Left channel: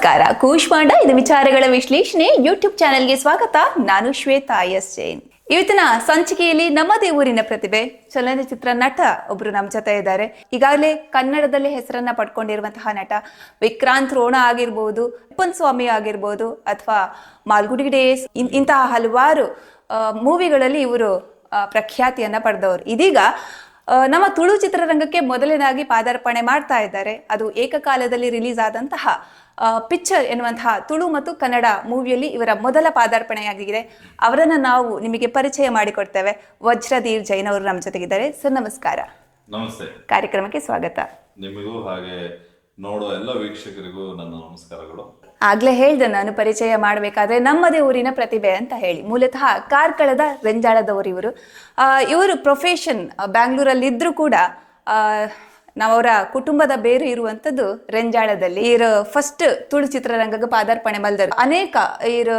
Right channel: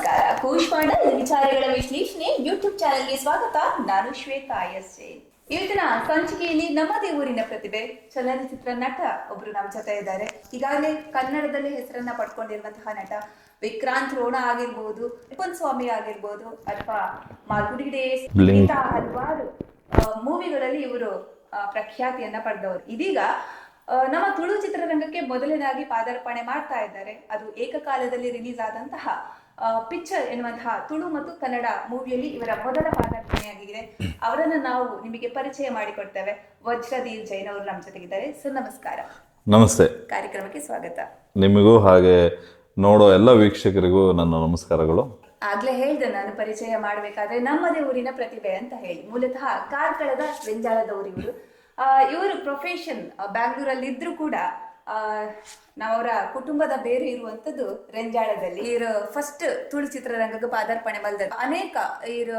ನಮಸ್ಕಾರ, ಕೂಶ್ಮಾಂಡ ಇದು ವಿಚಾರಗಳ ವಿಶ್ಲೇಷಣೆ ಯೂಟ್ಯೂಬ್ ಚಾನೆಲ್ಗೆ ಸ್ವಾಗತ. ನಾನು ಶ್ವೇತಾ ಎಸ್ ಜೈನ್. ಇವತ್ತಿನ ಸಂಚಿಕೆಯಲ್ಲಿ ನಮ್ಮದೇ ಊರಿನ ಪ್ರತಿಭೆ ಚಲನಚಿತ್ರ ನಟ ಒಬ್ರು ನಮ್ಮ ಜೊತೆ ಇದ್ದಾರೆ. ಈಗಾಗಲೇ ಕನ್ನಡದಲ್ಲಿ ಹೆಸರನ್ನ ಪಡ್ಕೊಂಡಿರುವಂತಹ ನಟ ವಿಕ್ರಾಂತ್ ರೋಣ ಆಗಿರ್ಬೋದು, ಅಪ್ಪನ್ ಸ್ವಾಮಿ ಆಗಿರ್ಬೋದು, ಅಥವಾ ಮಾಲ್ಗುಡಿ ಡೇಸ್, ಇಂತಹ ಹಲವಾರು ಮೂವಿಗಳಲ್ಲಿ ಇವರು ಪ್ರಖ್ಯಾತಿಯನ್ನ ಪಡೆದವರು. ಇದೀಗ ನಮ್ಮ ತುಳು ಚಿತ್ರರಂಗಕ್ಕೆ ಮೊದಲನೇದಾಗಿ ಪಾದಾರ್ಪಣೆ ಮಾಡ್ತಾ ಇದ್ದಾರೆ. ಅದು ಏಕಕಾಲದಲ್ಲಿ ರಿಲೀಸ್ ಆದಂತಹ ಪಿಕ್ಚರ್ ಎನ್ನುವಂತಹ ತುಳು ಮತ್ತು ಕನ್ನಡ ಮೂವಿಯಲ್ಲಿ ಇವರ ಮೊದಲ ಪಾದಾರ್ಪಣೆಯಾಗಿದೆ. ಅವರನ್ನ ನಾವು ನಿಮಗೆ ಪರಿಚಯ ಮಾಡಿಕೊಡ್ತೇವೆ. ವಜ್ರಧೀರ್ ಜೈನ್ ಅವರು ನಮ್ಮ ಜೊತೆಗಿದ್ದಾರೆ. ಸರ್ ನಮಸ್ಕಾರ. ನಮಸ್ತೆ. ಕಾರ್ಯಕ್ರಮಕ್ಕೆ ಸ್ವಾಗತ. ನಿಮಗೂ ಹಾಗೆ ನೋಡೋ ಎಲ್ಲ ವೀಕ್ಷಕರಿಗೂ ನನ್ನ ನಮಸ್ಕಾರಗಳು. ಆಗ್ಲೇ ಹೇಳ್ದೆ ನಾನು ಪರಿಚಯ ಮಾಡಬೇಕಾದ್ರೆ ನಮ್ಮದೇ ಊರಿನ ಪ್ರತಿಭೆ ಅಂತ ಹೇಳಿ. ಮೂಲತಃ ಕಾರ್ಕಳದ ರೆಂಜಾಳದವರು ಇವರು. ಇವರು ಪ್ರೊಫೆಷನ್ ಬ್ಯಾಂಗ್ಳೂರಲ್ಲಿ ಇದ್ರೂ ಕೂಡ ನಾವವರ ಕುಟುಂಬದ ಬೇರೆ ಇರುವಂಥದ್ದು ರೆಂಜಾಳದಲ್ಲಿ. ಇವರು ಫಸ್ಟ್ ತುಳು ಚಿತ್ರರಂಗಕ್ಕೆ ಪಾದಾರ್ಪಣೆ ಮಲ್ದರು. ಅನೇಕ ಇವರು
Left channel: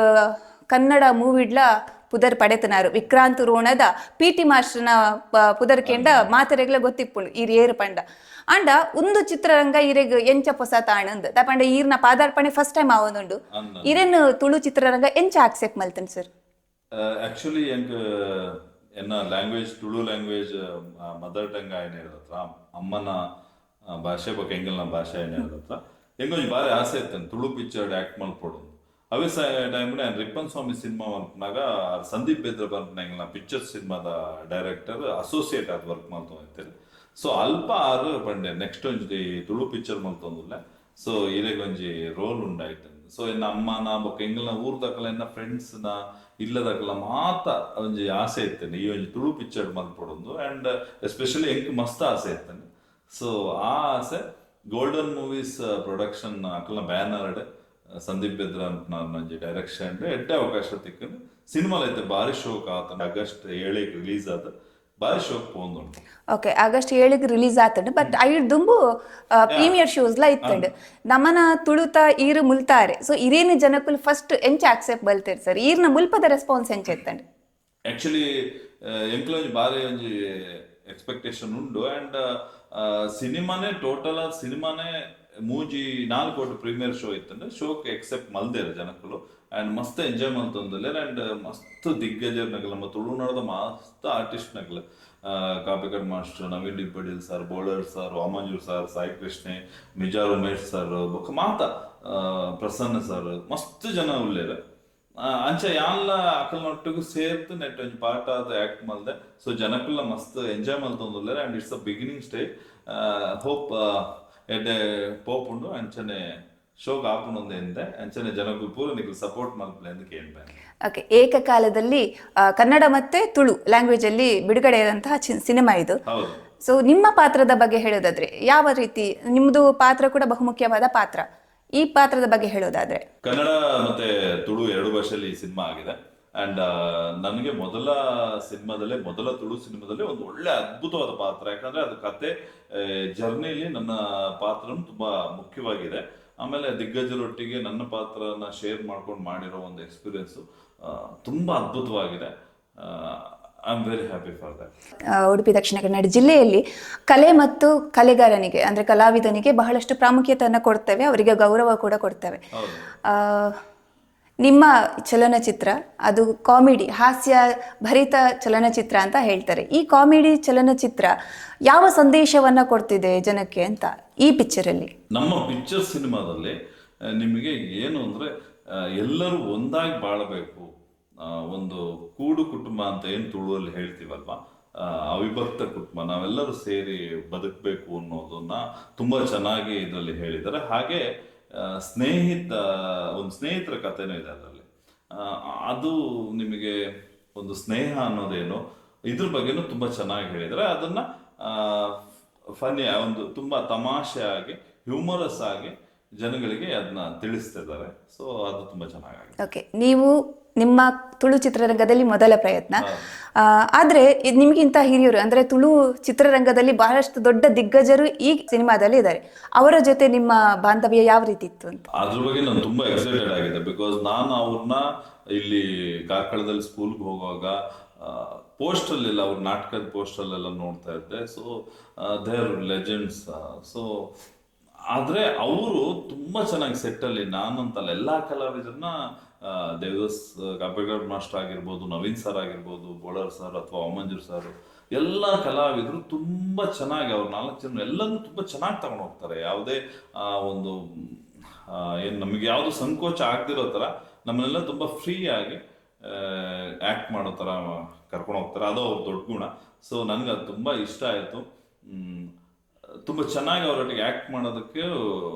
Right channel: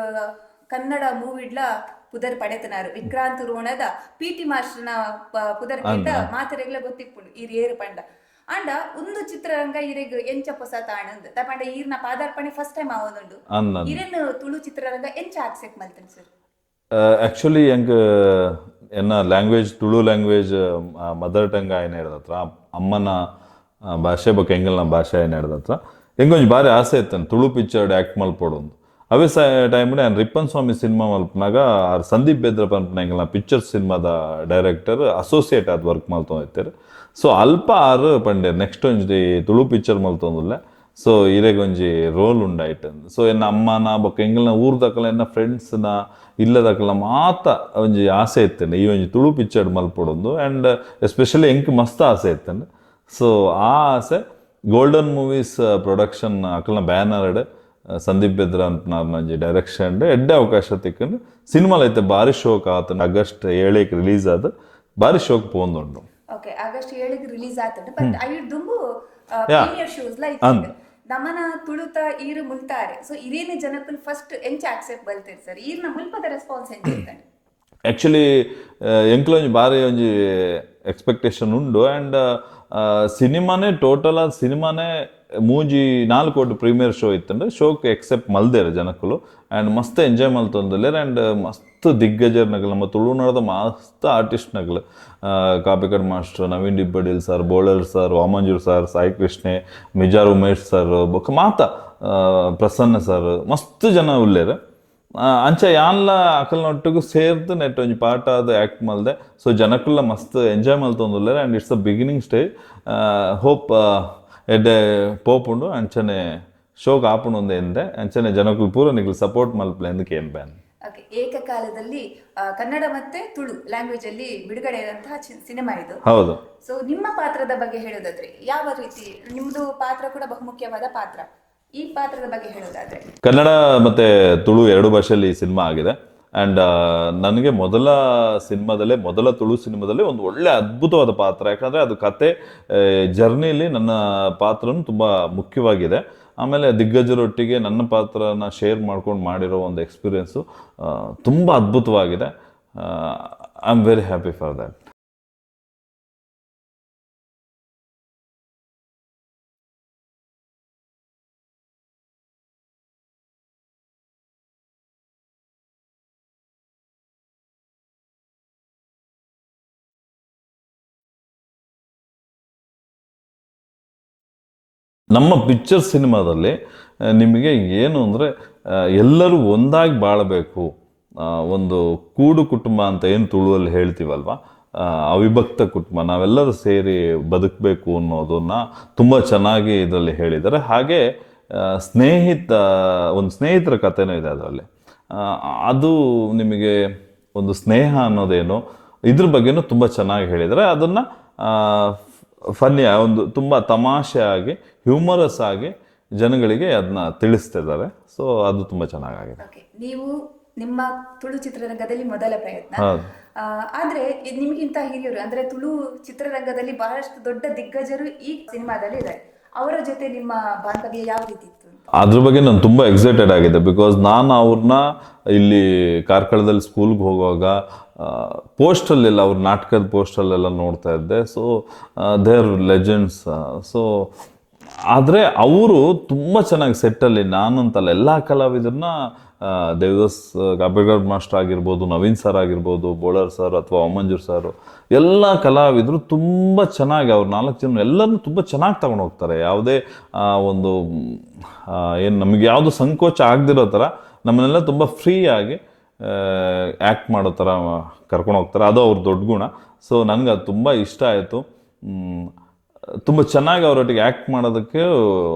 ಕನ್ನಡ ಮೂವಿಡ್ಲ ಪುದರ್ ಪಡೆತನಾರು. ವಿಕ್ರಾಂತ್ ರೋಣದ ಪಿಟಿ ಮಾಸ್ಟರ್ನ ಪುದರ್ ಕೆಂಡ ಮಾತೆರೆಗ್ಲ ಗೊತ್ತಿಪ್ಪುಂಡು ಈರ್ ಏರು ಪಂಡ ಅಂಡ ಒಂದು ಚಿತ್ರರಂಗ ಇರೆಗ್ ಎಂಚ ಪೊಸ ತಾಣಂದ್ ತಪಂಡ ಈರ್ನ ಪಾದಾರ್ಪಣೆ ಫಸ್ಟ್ ಟೈಮ್ ಆವೊಂದುಂಡು. ಇರೆನ್ ತುಳು ಚಿತ್ರರಂಗ ಎಂಚ ಆಕ್ಸೆಪ್ಟ್ ಮಲ್ತನ್ ಸರ್? ಆಕ್ಚುಲಿ ಎಂಕ್ ಎನ್ನ language Tulu language mother tongue ಆಯ್ನ ಹಿಡ್ದತ್ರ ಅಮ್ಮನ ಭಾಷೆ ಬೊಕ್ಕ ಎಂಗಲ್ನ ಭಾಷೆ ಆಯ್ನ ಹಿಡ್ದತ್ರ ಎಂಗೊಂಜಿ ಬಾರಿ ಆಸೆ ಇತ್ತೇನೆ ತುಳು ಪಿಕ್ಚರ್ಡ್ ಆ್ಯಕ್ಟ್ ಮಲ್ಪೋಡು. ಅವೇ ಟೈಮ್ ನಾನು ರಿಪ್ಪನ್ ಸ್ವಾಮಿ ಸಿನಿಮಾ ಮಲ್ಪನಾಗ ಸಂದೀಪ್ ಬೇದ್ರ ಪನ್ಪನ ಎಂಗಲ್ನ ಪಿಕ್ಚರ್ ಸಿನಿಮಾದ ಡೈರೆಕ್ಟರ್ ಅಸೋಸಿಯೇಟ್ ಆದ ವರ್ಕ್ ಮಲ್ತೊಂದಿತ್ತೇರು. ಸೊ ಅಲ್ಪ ಆರು ಪಂಡೆ ನೆಕ್ಸ್ಟ್ ಒಂಜಿ ತುಳು ಪಿಕ್ಚರ್ ಮಲ್ತೊಂದುಲ್ಲೆ. ಸೊ ಇರೆಗೊಂಜಿ ರೋಲ್ ಉಂಡಾಯ್ತು. ಸೊ ಎನ್ನ ಅಮ್ಮನ ಬೊಕ್ಕ ಎಂಗಲ್ನ ಊರ್ದಕಲ ಎನ್ನ ಫ್ರೆಂಡ್ಸ್ನ ಇಲ್ಲದಕಲ ಮಾತ ಒಂಜಿ ಆಸೆ ಇತ್ತೇನೆ ಈ ಒಂಜಿ ತುಳು ಪಿಕ್ಚರ್ ಮಲ್ಪೊಡೊಂದು. ಆ್ಯಂಡ್ ಎಸ್ಪೆಷಲಿ ಎಂಕ್ ಮಸ್ತ್ ಆಸೆ ಇತ್ತೇನೆ. ಸೊ ಆ ಆಸೆ ಗೋಲ್ಡನ್ ಮೂವೀಸ್ ಪ್ರೊಡಕ್ಷನ್ ಅಕಲ್ನ ಬ್ಯಾನರ್ಡ್ ಸಂದೀಪ್ ಬೆದ್ರ ಅಂತ ಡೈರೆಕ್ಷನ್ ಎಡ್ಡೆ ಅವಕಾಶ ತಿಕ್ಕಂಡು ಸಿನಿಮಾಲ್ ಐತೆ ಬಾರಿ ಶೋಕ್ ಆತ. ಆಗಸ್ಟ್ 7ಕ್ಕೆ ರಿಲೀಸ್ ಆದ ಬಾರಿ ಶೋಕ್ ಪೋಂದುಂಡು. ಓಕೆ, ಆಗಸ್ಟ್ 7ಕ್ಕೆ ರಿಲೀಸ್ ಆತಂಡು. ಬಟ್ ಐಡ್ ದುಂಬು ಪ್ರೀಮಿಯರ್ ಶೋಸ್ ಲ ಇತ್ತಂಡು ನಮನ ತುಳುತ ಈರು ಮುಲ್ತಾರೆ. ಸೊ ಇರೇನು ಜನಕ್ಕೂ ಫಸ್ಟ್ ಎಂಚ ಆಕ್ಸೆಪ್ಟ್ ಬಲ್ತೇರ್ ಸರ್? ಈರ್ನ ಮುಲ್ಪದ ರೆಸ್ಪಾನ್ಸ್ ಎಂಚ ಇತ್ತಂಡು? ಆಕ್ಚುಲಿ ಎಂಕ್ಲ ಒಂಜಿ ಬಾರಿ ಒಂಜಿ ಎಕ್ಸ್ಪೆಕ್ಟೇಷನ್ ಉಂಡು. ಆ್ಯಂಡ್ ಸಿನಿಮಾನೇ ಟೋಟಲ್ ಆದ ಸಿನಿಮಾನೇ 4 ಕೋಟಿ ಪ್ರೀಮಿಯರ್ ಶೋ ಇತ್ತಂಡು. ಶೋಕ್ ಎಕ್ಸೆಪ್ಟ್ ಮಲ್ದೇರು ಜನಕ್ಕಲು. ಆ್ಯಂಡ್ ಮಸ್ತ್ ಎಂಜಾಯ್ ಮಲ್ತೊಂದಲ್ಲೇರು. ಆ್ಯಂಡ್ ಮಸ್ತ್ ದಿಗ್ಗಜರ್ನಗಲು ನಮ್ಮ ತುಳುನಾಡದ ಮಸ್ತ್ ಆರ್ಟಿಸ್ಟ್ನಗಲು ಕಾಪಿಕಡ್ ಮಾಸ್ಟರ್ ನವೀನ್ ಡಿಬ್ಬಡಿಲ್ sir, Bolar sir, Vamanjoor sir, Sai ಕೃಷ್ಣೆ, ಮಿಜಾರ್ ಉಮೇಶ್ ಸರ್, ಬೊಕ್ಕ ಮಾತ ಪ್ರಸನ್ನ ಸರ್, ಮಸ್ತ್ ಜನ ಉಲ್ಲೇರು. ಅಂಚ ಯಾನ್ಲ ಅಕಲ್ನೊಟ್ಟಿಗೂ ಸೇರ್ದು ನೆಟ್ ಒಂಜಿ ಪಾರ್ಟ್ ಆದ ಆ್ಯಕ್ಟ್ ಮಲ್ದೆ. ಸೊ ಜನಕ್ಕಲ್ಲ ಮಸ್ತ್ ಎಂಜಾಯ್ ಮಲ್ತೊಂದುಲ್ಲೇರು. And it's a beginning stage. Hope ಎಡ್ಡೆ ಪೋಪುಂಡು ಅಂಚನೆ ಶೋಕ್ ಆಪುಂಡು ಒಂದೇ ಎಂದೆ ಅಂಚನೆ ಜನಕ್ಕೂ ಪೂರ ನಿಗ್ಲು ಸಪೋರ್ಟ್ ಮಲ್ಪಲೆ ಎಂದಕ್ಕೆ ಏನ್ ಬ್ಯಾನ್. ಓಕೆ, ಏಕಕಾಲದಲ್ಲಿ ಕನ್ನಡ ಮತ್ತೆ ತುಳು ಲ್ಯಾಂಗ್ವೇಜ್ ಅಲ್ಲಿ ಬಿಡುಗಡೆಯಾದಂತಹ ಸಿನಿಮಾ ಇದು. ಹೌದು. ಸೊ ನಿಮ್ಮ ಪಾತ್ರದ ಬಗ್ಗೆ ಹೇಳೋದಾದ್ರೆ ಯಾವ ರೀತಿ? ನಿಮ್ದು ಪಾತ್ರ ಕೂಡ ಬಹುಮುಖ್ಯವಾದ ಪಾತ್ರ. ಈ ಪಾತ್ರದ ಬಗ್ಗೆ ಹೇಳೋದಾದ್ರೆ ಕನ್ನಡ ಮತ್ತೆ ತುಳು 2 ಭಾಷೆಯಲ್ಲಿ ಸಿನಿಮಾ ಆಗಿದೆ. ಆ್ಯಂಡ್ ನನಗೆ ಮೊದಲ ತುಳು ಸಿನಿಮಾದಲ್ಲಿ ಒಂದು ಒಳ್ಳೆ ಅದ್ಭುತವಾದ ಪಾತ್ರ. ಯಾಕಂದರೆ ಅದು ಕತೆ ಜರ್ನಿಲಿ ನನ್ನ ಪಾತ್ರನೂ ತುಂಬ ಮುಖ್ಯವಾಗಿದೆ. ಆಮೇಲೆ ದಿಗ್ಗಜರೊಟ್ಟಿಗೆ ನನ್ನ ಪಾತ್ರನ ಶೇರ್ ಮಾಡ್ಕೊಂಡು ಮಾಡಿರೋ ಒಂದು ಎಕ್ಸ್ಪೀರಿಯೆನ್ಸು ತುಂಬ ಅದ್ಭುತವಾಗಿದೆ. I am very happy for that. Udupi Dakshina Kannada ಜಿಲ್ಲೆಯಲ್ಲಿ ಕಲೆ ಮತ್ತು ಕಲೆಗಾರನಿಗೆ ಅಂದರೆ ಕಲಾವಿದನಿಗೆ ಬಹಳಷ್ಟು ಪ್ರಾಮುಖ್ಯತೆಯನ್ನು ಕೊಡ್ತೇವೆ, ಅವರಿಗೆ ಗೌರವ ಕೂಡ ಕೊಡ್ತೇವೆ. ನಿಮ್ಮ ಚಲನಚಿತ್ರ ಅದು ಕಾಮಿಡಿ, ಹಾಸ್ಯ ಭರಿತ ಚಲನಚಿತ್ರ ಅಂತ ಹೇಳ್ತಾರೆ. ಈ ಕಾಮಿಡಿ ಚಲನಚಿತ್ರ ಯಾವ ಸಂದೇಶವನ್ನು ಕೊಡ್ತಿದೆ ಜನಕ್ಕೆ ಅಂತ ಈ ಪಿಕ್ಚರಲ್ಲಿ? ನಮ್ಮ ಪಿಕ್ಚರ್ ಸಿನಿಮಾದಲ್ಲಿ ನಿಮಗೆ ಏನು ಅಂದರೆ ಎಲ್ಲರೂ ಒಂದಾಗಿ ಬಾಳಬೇಕು, ಒಂದು ಕೂಡು ಕುಟುಂಬ ಅಂತ ಏನು ತುಳುವಲ್ಲಿ ಹೇಳ್ತೀವಲ್ವ, ಅವಿಭಕ್ತ ಕುಟುಂಬ, ನಾವೆಲ್ಲರೂ ಸೇರಿ ಬದುಕಬೇಕು ಅನ್ನೋದನ್ನ ತುಂಬ ಚೆನ್ನಾಗಿ ಇದರಲ್ಲಿ ಹೇಳಿದ್ದಾರೆ. ಹಾಗೆ ಒಂದು ಸ್ನೇಹಿತರ ಕಥೆನೂ ಇದೆ ಅದರಲ್ಲಿ. ಅದು ನಿಮಗೆ ಒಂದು ಸ್ನೇಹ ಅನ್ನೋದೇನು ಇದ್ರ ಬಗ್ಗೆನೂ ತುಂಬ ಚೆನ್ನಾಗಿ ಹೇಳಿದ್ದಾರೆ. ಅದನ್ನು ಫನ್ನಿ ಒಂದು ತುಂಬ ತಮಾಷೆಯಾಗಿ ಹ್ಯೂಮರಸ್ ಆಗಿ ಜನಗಳಿಗೆ ಅದನ್ನ ತಿಳಿಸ್ತಿದ್ದಾರೆ. ಸೊ ಅದು ತುಂಬ ಚೆನ್ನಾಗಿದೆ. ಓಕೆ, ನೀವು ನಿಮ್ಮ ತುಳು ಚಿತ್ರರಂಗದಲ್ಲಿ ಮೊದಲ ಪ್ರಯತ್ನ. ಆದ್ರೆ ನಿಮಗಿಂತ ಹಿರಿಯರು ಅಂದ್ರೆ ತುಳು ಚಿತ್ರರಂಗದಲ್ಲಿ ಬಹಳಷ್ಟು ದೊಡ್ಡ ದಿಗ್ಗಜರು ಈ ಸಿನಿಮಾದಲ್ಲಿ ಇದ್ದಾರೆ. ಅವರ ಜೊತೆ ನಿಮ್ಮ ಬಾಂಧವ್ಯ ಯಾವ ರೀತಿ ಇತ್ತು ಅಂತ? ಅದ್ರ ಬಗ್ಗೆ ನಾನು ತುಂಬಾ ಎಕ್ಸೈಟೆಡ್ ಆಗಿದೆ. ಬಿಕಾಸ್ ನಾನು ಅವ್ರನ್ನ ಇಲ್ಲಿ ಕಾರ್ಕಳದಲ್ಲಿ ಸ್ಕೂಲ್ಗೆ ಹೋಗುವಾಗ ಪೋಸ್ಟಲ್ಲೆಲ್ಲ ಅವ್ರ ನಾಟಕದ ಪೋಸ್ಟಲ್ಲೆಲ್ಲ ನೋಡ್ತಾ ಇದ್ದೆ. So they are legends. So ಆದರೆ ಅವರು ತುಂಬ ಚೆನ್ನಾಗಿ ಸೆಟ್ಟಲ್ಲಿ, ನಾನು ಅಂತಲ್ಲ ಎಲ್ಲ ಕಲಾವಿದರನ್ನ ದೇವದಾಸ್ ಗಾಬೇಗೌಡ ಮಾಸ್ಟರ್ ಆಗಿರ್ಬೋದು, ನವೀನ್ ಸರ್ ಆಗಿರ್ಬೋದು, ಬೋಳರ್ ಸರ್ ಅಥವಾ ಓಮಂಜೂರ್ ಸರ್, ಎಲ್ಲ ಕಲಾವಿದರು ತುಂಬ ಚೆನ್ನಾಗಿ ಅವ್ರು 4 ಜನ ಎಲ್ಲರನ್ನೂ ತುಂಬ ಚೆನ್ನಾಗಿ ತಗೊಂಡು ಹೋಗ್ತಾರೆ. ಯಾವುದೇ ಒಂದು ಏನು ನಮಗೆ ಯಾವುದು ಸಂಕೋಚ ಆಗದಿರೋ ಥರ ನಮ್ಮನ್ನೆಲ್ಲ ತುಂಬ ಫ್ರೀಯಾಗಿ ಆ್ಯಕ್ಟ್ ಮಾಡೋ ಥರ ಕರ್ಕೊಂಡು ಹೋಗ್ತಾರೆ. ಅದು ಅವ್ರ ದೊಡ್ಡ ಗುಣ. ಸೊ ನನಗೆ ಅದು ತುಂಬ ಇಷ್ಟ ಆಯಿತು. ತುಂಬ ಚೆನ್ನಾಗಿ ಅವರೊಟ್ಟಿಗೆ ಆ್ಯಕ್ಟ್ ಮಾಡೋದಕ್ಕೆ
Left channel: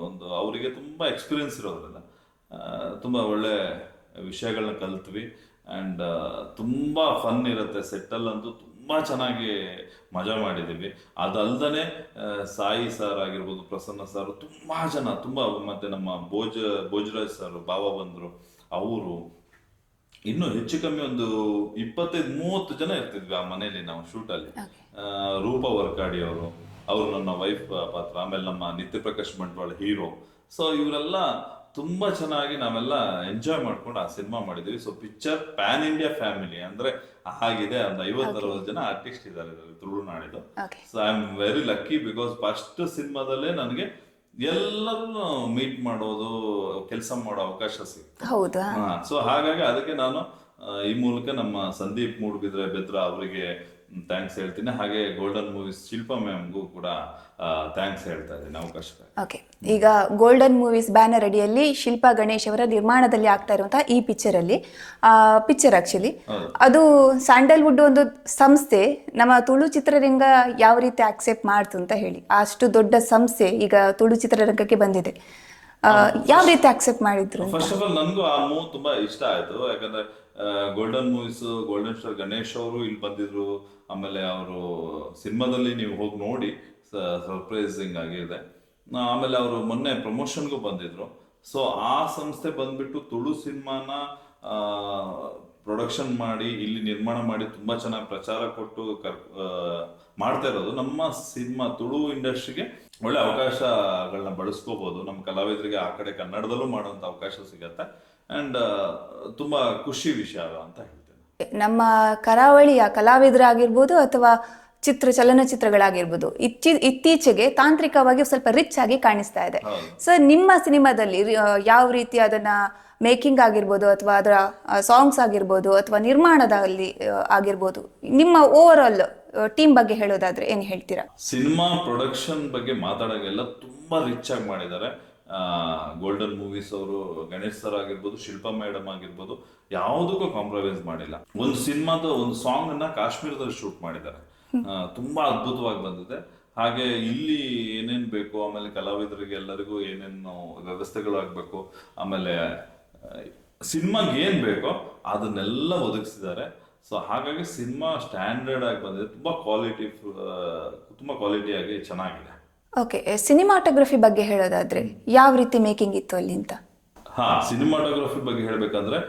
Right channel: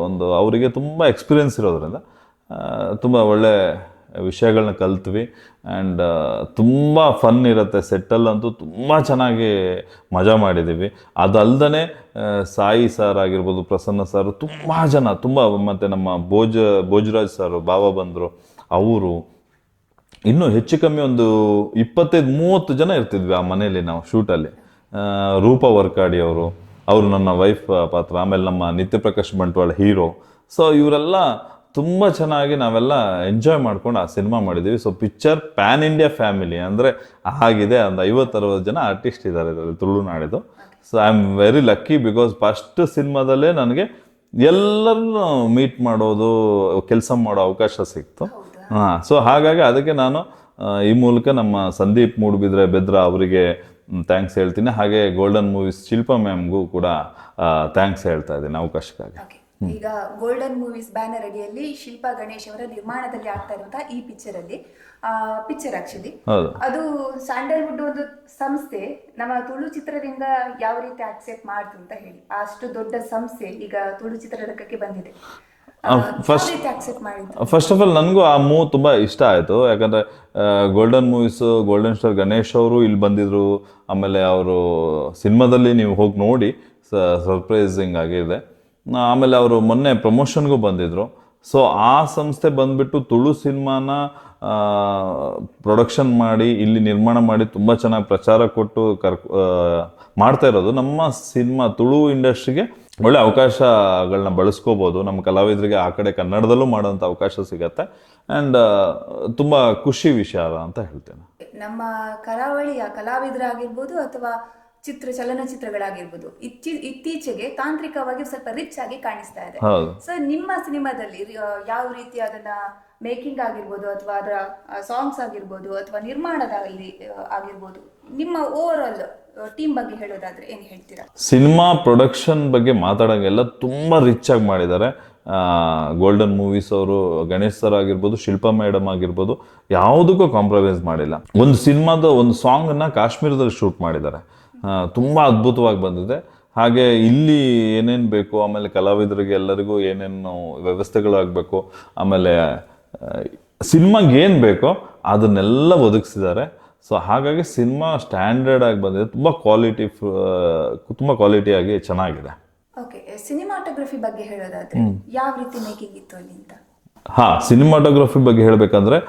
ಒಂದು ಅವರಿಗೆ ತುಂಬ ಎಕ್ಸ್ಪೀರಿಯನ್ಸ್ ಇರೋದ್ರಿಂದ ತುಂಬ ಒಳ್ಳೆ ವಿಷಯಗಳನ್ನ ಕಲ್ತ್ವಿ. ಆ್ಯಂಡ್ ತುಂಬ ಫನ್ ಇರುತ್ತೆ ಸೆಟ್ಟಲ್ಲಂತೂ, ತುಂಬ ಚೆನ್ನಾಗಿ ಮಜಾ ಮಾಡಿದ್ದೀವಿ. ಅದಲ್ಲದೆ ಸಾಯಿ ಸರ್ ಆಗಿರ್ಬೋದು, ಪ್ರಸನ್ನ ಸರ್, ತುಂಬ ಜನ ಮತ್ತು ನಮ್ಮ ಭೋಜರಾಜ್ ಸರ್ ಬಾಬಾ ಬಂದರು, ಅವರು ಇನ್ನೂ ಹೆಚ್ಚು ಕಮ್ಮಿ ಒಂದು 25-30 ಜನ ಇರ್ತಿದ್ವಿ ಆ ಮನೆಯಲ್ಲಿ ನಾವು ಶೂಟಲ್ಲಿ. ರೂಪಾ ವರ್ಕಾಡಿ ಅವರು ನನ್ನ ವೈಫ್ ಪಾತ್ರ. ಆಮೇಲೆ ನಮ್ಮ ನಿತ್ಯ ಪ್ರಕಾಶ್ ಬಂಟ್ವಾಳ ಹೀರೋ. ಸೊ ಇವರೆಲ್ಲ ತುಂಬ ಚೆನ್ನಾಗಿ ನಾವೆಲ್ಲ ಎಂಜಾಯ್ ಮಾಡ್ಕೊಂಡು ಆ ಸಿನಿಮಾ ಮಾಡಿದ್ದೀವಿ. So picture pan India family ಅಂದರೆ ಆಗಿದೆ. ಒಂದು 50-60 ಜನ ಆರ್ಟಿಸ್ಟ್ ಇದ್ದಾರೆ ಇದರಲ್ಲಿ ತುಳುನಾಡಿದ್ದು. So I am very lucky because first ಸಿನಿಮಾದಲ್ಲೇ ನನಗೆ ಎಲ್ಲರನ್ನು ಮೀಟ್ ಮಾಡೋದು, ಕೆಲಸ ಮಾಡೋ ಅವಕಾಶ ಸಿಕ್ತು. ಸೊ ಹಾಗಾಗಿ ಅದಕ್ಕೆ ನಾನು ಈ ಮೂಲಕ ನಮ್ಮ ಸಂದೀಪ್ ಮೂಡುಬಿದ್ರೆ ಬೆದ್ರ ಅವರಿಗೆ ಥ್ಯಾಂಕ್ಸ್ ಹೇಳ್ತೀನಿ. ಹಾಗೆ ಗೋಲ್ಡನ್ ಮೂವೀಸ್ ಶಿಲ್ಪಾ ಮ್ಯಾಮ್ಗೂ ಕೂಡ ಥ್ಯಾಂಕ್ಸ್ ಹೇಳ್ತಾ ಇದ್ದೀನಿ ಅವಕಾಶಕ್ಕಾಗಿ. ಓಕೆ, ಈಗ ಗೋಲ್ಡನ್ ಮೂವೀಸ್ ಬ್ಯಾನರ್ ಅಡಿಯಲ್ಲಿ ಶಿಲ್ಪಾ ಗಣೇಶ್ ಅವರ ನಿರ್ಮಾಣದಲ್ಲಿ ಆಗ್ತಾ ಇರುವಂತಹ ಈ ಪಿಕ್ಚರ್ ಆಕ್ಚುಲಿ ಅದು ಸ್ಯಾಂಡಲ್ವುಡ್ ಒಂದು ಸಂಸ್ಥೆ ನಮ್ಮ ತುಳು ಚಿತ್ರರಂಗ ಯಾವ ರೀತಿ ಆಕ್ಸೆಪ್ಟ್ ಮಾಡ್ತು ಅಂತ ಹೇಳಿ, ಅಷ್ಟು ದೊಡ್ಡ ಸಂಸ್ಥೆ ಈಗ ತುಳು ಚಿತ್ರರಂಗಕ್ಕೆ ಬಂದಿದೆ. ಯಾವ ರೀತಿ ಆಕ್ಸೆಪ್ಟ್ ಮಾಡಿದ್ರು? ಫಸ್ಟ್ ಆಫ್ ಆಲ್ ನನಗೂ ಆ ಮೂವ್ ತುಂಬಾ ಇಷ್ಟ ಆಯ್ತು. ಯಾಕಂದ್ರೆ golden movies golden star Ganesh ಅವರು ಇಲ್ಲಿ ಬಂದಿದ್ರು. ಆಮೇಲೆ ಅವರು ಸಿನಿಮಾದಲ್ಲಿ ನೀವು ಹೋಗಿ ನೋಡಿ, ಸರ್ಪ್ರೈಸಿಂಗ್ ಆಗಿದೆ. ಆಮೇಲೆ ಅವರು ಮೊನ್ನೆ ಪ್ರಮೋಷನ್ಗೂ ಬಂದಿದ್ರು. ಸೊ ಆ ಸಂಸ್ಥೆ ಬಂದ್ಬಿಟ್ಟು ತುಳು ಸಿನಿಮಾನ ಪ್ರೊಡಕ್ಷನ್ ಮಾಡಿ ಇಲ್ಲಿ ನಿರ್ಮಾಣ ಮಾಡಿ ತುಂಬ ಚೆನ್ನಾಗಿ ಪ್ರಚಾರ ಕೊಟ್ಟು ಮಾಡ್ತಾ ಇರೋದು ನಮ್ಮ ಸಿನಿಮಾ ತುಳು ಇಂಡಸ್ಟ್ರಿಗೆ ಒಳ್ಳೆ ಅವಕಾಶಗಳನ್ನ ಬಳಸ್ಕೋಬೋದು. ನಮ್ಮ ಕಲಾವಿದರಿಗೆ ಆ ಕಡೆ ಕನ್ನಡದಲ್ಲೂ ಮಾಡೋಂಥ ಅವಕಾಶ ಸಿಗತ್ತೆ. ಆ್ಯಂಡ್ ತುಂಬ ಖುಷಿ ವಿಷಯ ಅಂತ ಹೇಳ್ತೇನೆ. ನಮ್ಮ ಕರಾವಳಿಯ ಕಲಾವಿದರಾಗಿರ್ಬೋದು ಅಥವಾ ಚಲನಚಿತ್ರಗಳಾಗಿರ್ಬೋದು ಇತ್ತೀಚೆಗೆ ತಾಂತ್ರಿಕವಾಗಿ ಸ್ವಲ್ಪ ರಿಚ್ ಆಗಿ ಕಾಣಿಸ್ತಾ ಇದೆ. ಸರ್, ನಿಮ್ಮ ಸಿನಿಮಾದಲ್ಲಿ ಯಾವ ರೀತಿ ಅದನ್ನ ಮೇಕಿಂಗ್ ಆಗಿರ್ಬೋದು ಅಥವಾ ಅದರ ಸಾಂಗ್ಸ್ ಆಗಿರ್ಬೋದು ಅಥವಾ ನಿರ್ಮಾಣದಲ್ಲಿ ಆಗಿರ್ಬೋದು, ನಿಮ್ಮ ಓವರ್ ಆಲ್ ಟೀಮ್ ಬಗ್ಗೆ ಹೇಳೋದಾದ್ರೆ ಏನ್ ಹೇಳ್ತೀರಾ? ಸಿನಿಮಾ ಪ್ರೊಡಕ್ಷನ್ ಬಗ್ಗೆ ಮಾತಾಡೋಂಗೆಲ್ಲ ತುಂಬಾ ರಿಚ್ ಆಗಿ ಮಾಡಿದ್ದಾರೆ. ಗೋಲ್ಡನ್ ಮೂವೀಸ್ ಅವರು, ಗಣೇಶ್ ಸರ್ ಆಗಿರ್ಬೋದು, ಶಿಲ್ಪಾ ಮೇಡಮ್ ಆಗಿರ್ಬೋದು, ಯಾವುದಕ್ಕೂ ಕಾಂಪ್ರಮೈಸ್ ಮಾಡಿಲ್ಲ. ಒಂದು ಸಿನಿಮಾದ ಒಂದು ಸಾಂಗ್ ಅನ್ನ ಕಾಶ್ಮೀರದಲ್ಲಿ ಶೂಟ್ ಮಾಡಿದ್ದಾರೆ. ತುಂಬಾ ಅದ್ಭುತವಾಗಿ ಬಂದಿದೆ. ಹಾಗೆ ಇಲ್ಲಿ ಏನೇನು ಬೇಕು, ಆಮೇಲೆ ಕಲಾವಿದರಿಗೆ ಎಲ್ಲರಿಗೂ ಏನೇನು ವ್ಯವಸ್ಥೆಗಳಾಗಬೇಕು, ಆಮೇಲೆ ಸಿನಿಮಾಗೆ ಏನು ಬೇಕೋ ಅದನ್ನೆಲ್ಲ ಒದಗಿಸಿದ್ದಾರೆ. ಸೊ ಹಾಗಾಗಿ ಸಿನಿಮಾ ಸ್ಟ್ಯಾಂಡರ್ಡ್ ಆಗಿ ಬಂದಿದೆ. ತುಂಬ ಕ್ವಾಲಿಟಿಯಾಗಿ ಚೆನ್ನಾಗಿದೆ. ಓಕೆ, ಸಿನಿಮಾಟೋಗ್ರಫಿ ಬಗ್ಗೆ ಹೇಳೋದಾದ್ರೆ ಯಾವ ರೀತಿ ಮೇಕಿಂಗ್ ಇತ್ತು ಅಲ್ಲಿ ಅಂತ? ಸಿನಿಮಾಟೋಗ್ರಫಿ ಬಗ್ಗೆ ಹೇಳಬೇಕಂದ್ರೆ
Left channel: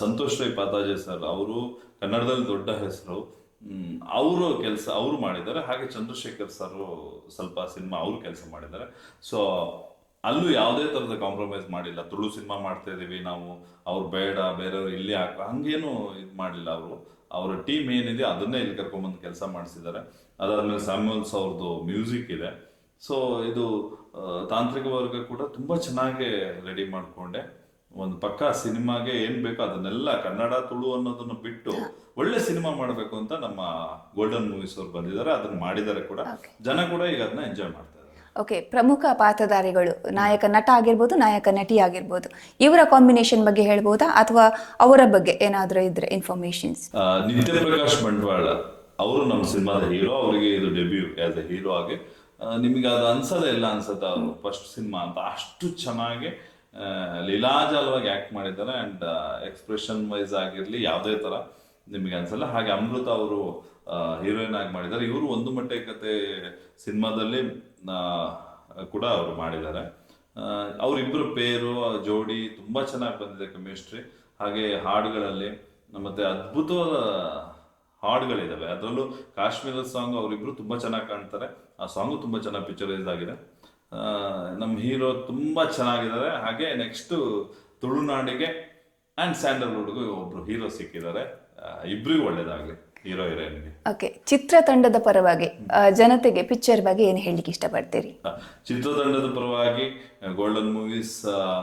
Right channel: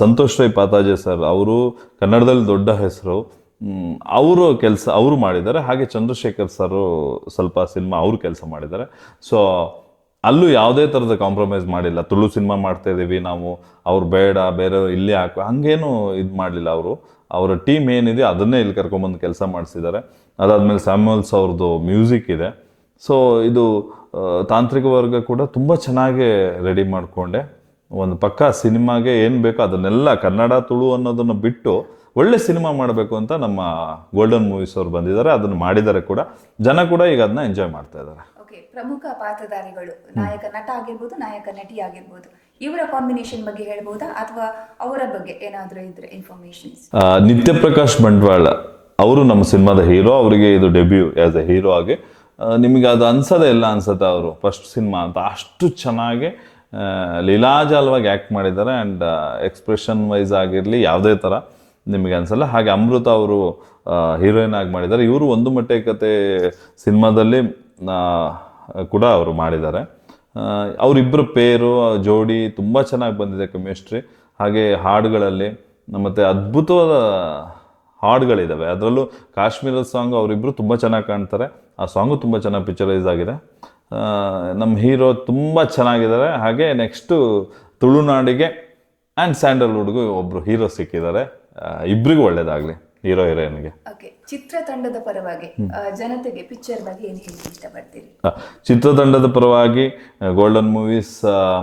ಸಂತೋಷ್ ರೈ ಪಾತಾಜೆ ಸರ್ ಅವರು ಕನ್ನಡದಲ್ಲಿ ದೊಡ್ಡ ಹೆಸರು. ಅವರು ಮಾಡಿದ್ದಾರೆ. ಹಾಗೆ ಚಂದ್ರಶೇಖರ್ ಸರ್ ಸ್ವಲ್ಪ ಸಿನಿಮಾ ಅವರು ಕೆಲಸ ಮಾಡಿದ್ದಾರೆ. ಸೊ ಅಲ್ಲೂ ಯಾವುದೇ ಥರದ ಕಾಂಪ್ರಮೈಸ್ ಮಾಡಿಲ್ಲ. ತುಳು ಸಿನಿಮಾ ಮಾಡ್ತಾ ಇದ್ದೀವಿ ನಾವು, ಅವ್ರು ಬೇಡ ಬೇರೆ ಇಲ್ಲಿ ಹಾಕೋ ಹಂಗೇನು ಇದು ಮಾಡಲಿಲ್ಲ. ಅವರ ಟೀಮ್ ಏನಿದೆ ಅದನ್ನೇ ಇಲ್ಲಿ ಕರ್ಕೊಂಬಂದು ಕೆಲಸ ಮಾಡಿಸಿದ್ದಾರೆ. ಅದಾದಮೇಲೆ ಸ್ಯಾಮ್ಯುಯಲ್ಸ್ ಅವ್ರದ್ದು ಮ್ಯೂಸಿಕ್ ಇದೆ. ಸೊ ಇದು ತಾಂತ್ರಿಕ ವರ್ಗ ಕೂಡ ತುಂಬ ಚೆನ್ನಾಗಿ ರೆಡಿ ಮಾಡಿಕೊಂಡೆ. ಒಂದು ಪಕ್ಕ ಸಿನಿಮಾಗೆ ಏನು ಬೇಕೋ ಅದನ್ನೆಲ್ಲ ಕನ್ನಡ ತುಳು ಅನ್ನೋದನ್ನು ಬಿಟ್ಟು ಒಳ್ಳೆ ಸಿನಿಮಾ ಮಾಡಬೇಕು ಅಂತ ನಮ್ಮ ಗೋಲ್ಡನ್ ಮೂವೀಸ್ ಅವರು ಬಂದಿದ್ದಾರೆ. ಅದನ್ನು ಮಾಡಿದ್ದಾರೆ ಕೂಡ. ಜನ ಕೂಡ ಈಗ ಅದನ್ನ ಎಂಜಾಯ್ ಮಾಡ್ತಾ ಇದ್ದಾರೆ. ಓಕೆ, ಪ್ರಮುಖ ಪಾತ್ರಧಾರಿಗಳು, ನಾಯಕ ನಟ ಆಗಿರ್ಬೋದು, ನಾಯಕ ನಟಿ ಆಗಿರ್ಬೋದು, ಇವರ ಕಾಂಬಿನೇಷನ್ ಬಗ್ಗೆ ಹೇಳ್ಬೋದಾ ಅಥವಾ ಅವರ ಬಗ್ಗೆ ಏನಾದರೂ ಇದ್ರೆ ಇನ್ಫಾರ್ಮೇಶನ್ಸ್? ನಿತ್ಯ ಪ್ರಕಾಶ್ ಬಂಟ್ವಾಳ ಅವರು ನಮ್ಮ ಸಿನಿಮಾದ ಹೀರೋ. ಅವರಿಗೆ ಇದು ಡೆಬ್ಯೂ ಆಸ್ ಎ ಹೀರೋ ಆಗಿ. ನಿಮಗೆ ಅದು ಅನ್ಸೋದೇ ಇಲ್ಲ ಅನ್ಸುತ್ತೆ, ಅವರು ಫಸ್ಟ್ ಸಿನಿಮಾ ಅಂತ ಅಷ್ಟು ಚೆನ್ನಾಗಿ ಲೀಲಾಜಾಲವಾಗಿ ಆ್ಯಕ್ಟ್ ಮಾಡಿದ್ದಾರೆ. ಆ್ಯಂಡ್ ಎಕ್ಸ್ಪ್ರೆಷನ್ ವೈಸ್ ಆಗಿರಲಿ ಯಾವುದೇ ಥರ ನಿಮಗೆ ಅನ್ಸಲ್ಲ. ಹಾಗೆ ಅಮೃತ ಅವರು ಹೀರೋಯಿನ್ ಆಗಿ ಮಾಡಿದ್ದಾರೆ. ಇವರು ಒಂದು ಮಟ್ಟೆ ಕತೆ ಸಿನಿಮಾದಲ್ಲಿ ಕೂಡ ಅವರು ಮಾಡಿದ್ದಾರೆ. ಅವರಿಬ್ಬರು ಪೇರು ಜೋಡಿ ತುಂಬ ಚೆನ್ನಾಗಿ ಬಂದಿದೆ, ಕೆಮಿಸ್ಟ್ರಿ. ಹಾಗೆ ಹಾಡುಗಳಲ್ಲಿ ಮತ್ತು ಅದ್ಭುತವಾದ ಹಾಡುಗಳಿದ್ದಾವೆ. ಅದರಲ್ಲೂ ಕಾಶ್ಮೀರದ ಸಾಂಗ್ ಅವರಿಬ್ಬರು ತುಂಬ ಚೆನ್ನಾಗಿ ಕಾಣ್ತಾರೆ. ಆ ಸಾಂಗು ತುಂಬ ಚೆನ್ನಾಗಿ ಪಿಕ್ಚರೈಸ್ ಆಗಿದೆ. ನಮ್ಮ ಹೀರೋ ತುಂಬ ಚೆನ್ನಾಗಿದ್ದಾರೆ. ಹಾಗೆ ನೆಕ್ಸ್ಟು ತುಳುನಾಡಿಗೆ ಆ್ಯಂಡ್ ಸ್ಯಾಂಡಲ್ವುಡ್ಗೂ ಒಬ್ಬರು ಹೀರೋ ಸಿಕ್ಕಿದ್ದಾರೆ. ಇಬ್ಬರಿಗೂ ಒಳ್ಳೇದಾಗಲಿ. ಹೀರೋ ಹೀರೋಯಿನ್ಗೆ. ಓಕೆ, ಚಿತ್ರತಂಡದ ಪರವಾಗಿ ಜನತೆಗೆ ಪಿಕ್ಚರ್ ಬಗ್ಗೆ ಏನು ಹೇಳಲಿಕ್ಕೆ ಇಷ್ಟಪಡ್ತೀರಿ? ಚಿತ್ರತಂಡದ ಪರವಾಗಿ ಗೋಲ್ಡನ್ ಮೂವೀಸ್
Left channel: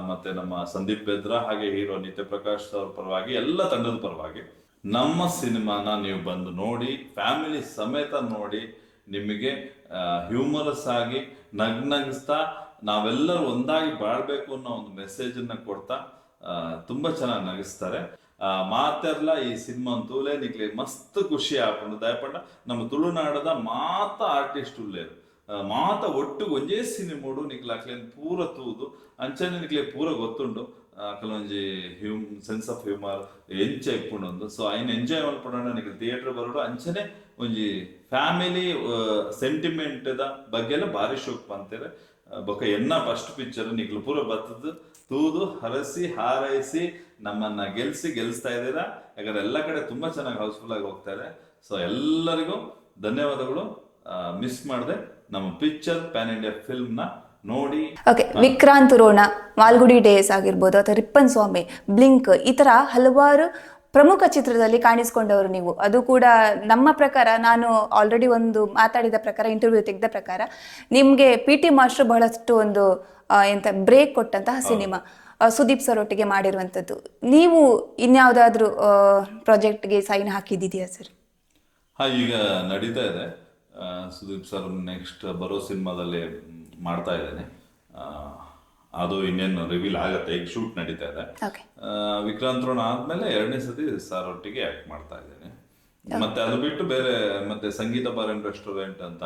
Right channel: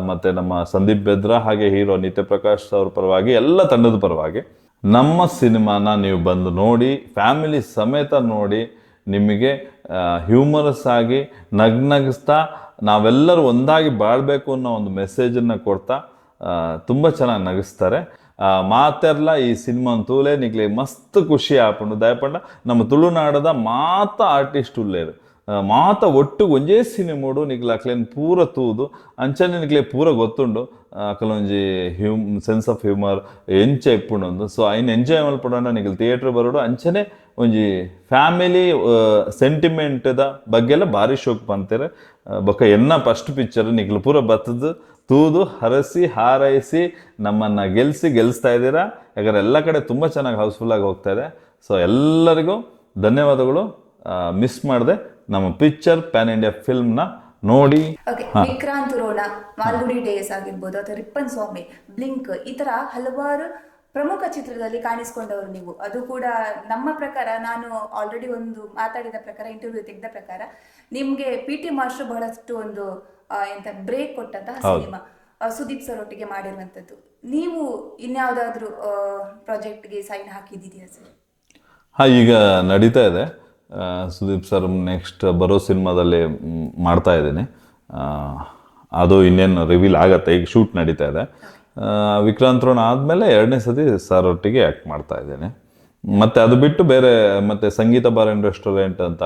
ಮತ್ತೆ ನಮ್ಮ ಸಂದೀಪ್ ಬೆದ್ರಾ ಹಾಗೆ ಹೀರೋ ನಿತ್ಯ ಪ್ರಕಾಶ್ ಅವ್ರ ಪರವಾಗಿ ಎಲ್ಲ ತಂಡದ ಪರವಾಗಿ ನಮ್ಮ ಸಿನಿಮಾನ ನೀವು ಬಂದು ನೋಡಿ, ಫ್ಯಾಮಿಲಿ ಸಮೇತ ನೋಡಿ. ನಿಮಗೆ ಹ್ಯೂಮರಸ್ ಆಗಿ ನಗ್ನಗಿಸ್ತಾ ನಾವೆಲ್ಲರೂ ಒಂದಾಗಿ ಬಾಳ್ಬೇಕು ಅನ್ನೋ ಒಂದು ಮೆಸೇಜನ್ನು ಕೊಡ್ತಾ ತುಂಬ ಚೆನ್ನಾಗಿ ನಗಿಸ್ತಾರೆ. ಮಾತೆರ್ಲ ಈ ಸಿನಿಮಾ ತೂಲೆ ನಿಗ್ಲಿ ಮಸ್ತ್ ಖುಷಿ ಆಪುಂಡು ದಯಪಂಡ ನಮ್ಮ ತುಳುನಾಡದ ಮಾತ ಆರ್ಟಿಸ್ಟ್ ಉಳ್ಳೇರು ಮಾತ ಒಟ್ಟು ಒಂಜೇ ಸಿನಿಮಾಡು ನಿಗ್ಲ ಅಕ್ಲೇನು ಪೂರ ತೂದು ಅಂಚನೆ ನಿಗ್ಲೆ ಪೂರ ಗೊತ್ತುಂಡು ಅಕಲೊಂಜಿ ಸೆನ್ಸ್ ಆಫ್ ಹ್ಯೂಮರ್ ಎಂಚ ಇಪ್ಪುಂಡು. ಸೊ ಐನ್ ಎಂಜಾಯ್ ಮಲ್ಪಡೋಣ ನಿಗ್ಲು ಥಿಯೇಟ್ರ್ ಬರೋಡು ಅಂಚನೆ ಒಂಜಿ ಫ್ಯಾಮಿಲಿ ಸೆಂಟಿಮೆಂಟ್ದ ಬಗ್ಗೆ ಎಲ್ಲ ಭಾರಿ ಶೋಕ್ ಬಂತಾರೆ. ಬೊಕ್ಕ ಎನ್ನ ಫಸ್ಟ್ ಪಿಕ್ಚರ್ ನಿಗ್ಲು ಪೂರ ಬತ್ತದು ತೂದು ಹರಸಿ ಹಾರೈಸಿ ನಮ್ಮನ್ನು ಗೆಲ್ಲಿಸ್ತಾ ಇದ್ದೀರಾ. ಯಾಕಂದ್ರೆ ಎಲ್ಲ ಕಡೆ ತುಂಬ ಚೆನ್ನಾಗಿ ಹೌಸ್ಫುಲ್ ಆಗಿ ಹೋಗ್ತಾ ಇದೆ. ಸೊ ಎಲ್ಲರಿಗೂ ಧನ್ಯವಾದಗಳು. ಮಿಸ್ ಮಾಡದೆ ನಮ್ಮ ಪಿಕ್ಚರ್ ಪ್ಯಾನ್ ಇಂಡಿಯಾ ಫಿಲ್ಮ್ನ ನೋಡಿ. ಓಕೆ, ವಿಕ್ರಾಂತ್ ರೋಣ, ಮಾಲ್ಗುಡಿ ಡೇಸ್ ಆಗಿರ್ಬೋದು ಅಥವಾ ರಿಪ್ಪನ್ ಸ್ವಾಮಿ, ಬ್ಲಿಂಕ್, ಈ ತರ ಹಲವಾರು ಪ್ರಮುಖ ಚಿತ್ರದಲ್ಲಿ ಕಾಣಿಸ್ಕೊಂಡವರು ನೀವು. ಅದು ಕೂಡ ನಮ್ಮ ಪ್ರಕಾರ, ನಾನು ಆಲ್ರೆಡಿ ಒಂದು ಮಾತಾಡಿದ ಪ್ರಕಾರ, ಇಂಟರ್ವ್ಯೂ ತೆಗೆದ ಪ್ರಕಾರ, ನಿಮಗೆ PT ಮಾಸ್ಟರ್ ಬಹಳಷ್ಟು ಒಂದು ಎಂತ ಬ್ರೇಕ್ ಕೊಟ್ಟಂತಹ ಸಿನಿಮಾ ಸುದೀಪ್ ಸರ್ ಒಟ್ಟಿಗೆ ಮಾಡಿರುವಂಥದ್ದು. ನೀವು ಇನ್ಯಾವುದಾದ್ರೂ ಪ್ರಾಜೆಕ್ಟ್ಗೆ ಸೈನ್ ಹಾಕಿದ್ದೀಯಾ ಸರ್? ಈಗ ನಡೀತಾ ಇದೆ. ಸುದೀಪ್ ಸರ್ ನೆಕ್ಸ್ಟ್ ಬರೋ ಸಿನಿಮಾದಲ್ಲಿ ಮಾಡ್ತಾ ಇದ್ದೀನಿ. ಅದು ಇನ್ನೇನು ರಿವೀಲ್ ಆಗತ್ತೆ. ಈಗ ಶೂಟ್ ನಡೀತಾ ಇದೆ. ವಿಕ್ರಾಂತ್ ರೋಣ ಆದಮೇಲೆ 2ನೇ ಸತಿ ಸರ್ ಒಟ್ಟಿಗೆ ಆ್ಯಕ್ಟ್ ಮಾಡ್ತಾ ಇದ್ದೇನೆ. ಮತ್ತು ಅದು ಬಿಟ್ಟು ಬೇರೆ ಮತ್ತೆ ಸಂಗೀತ ಬಾರ್ ಆ್ಯಂಡ್ ರೆಸ್ಟೋರೆಂಟ್ ಅಂತ,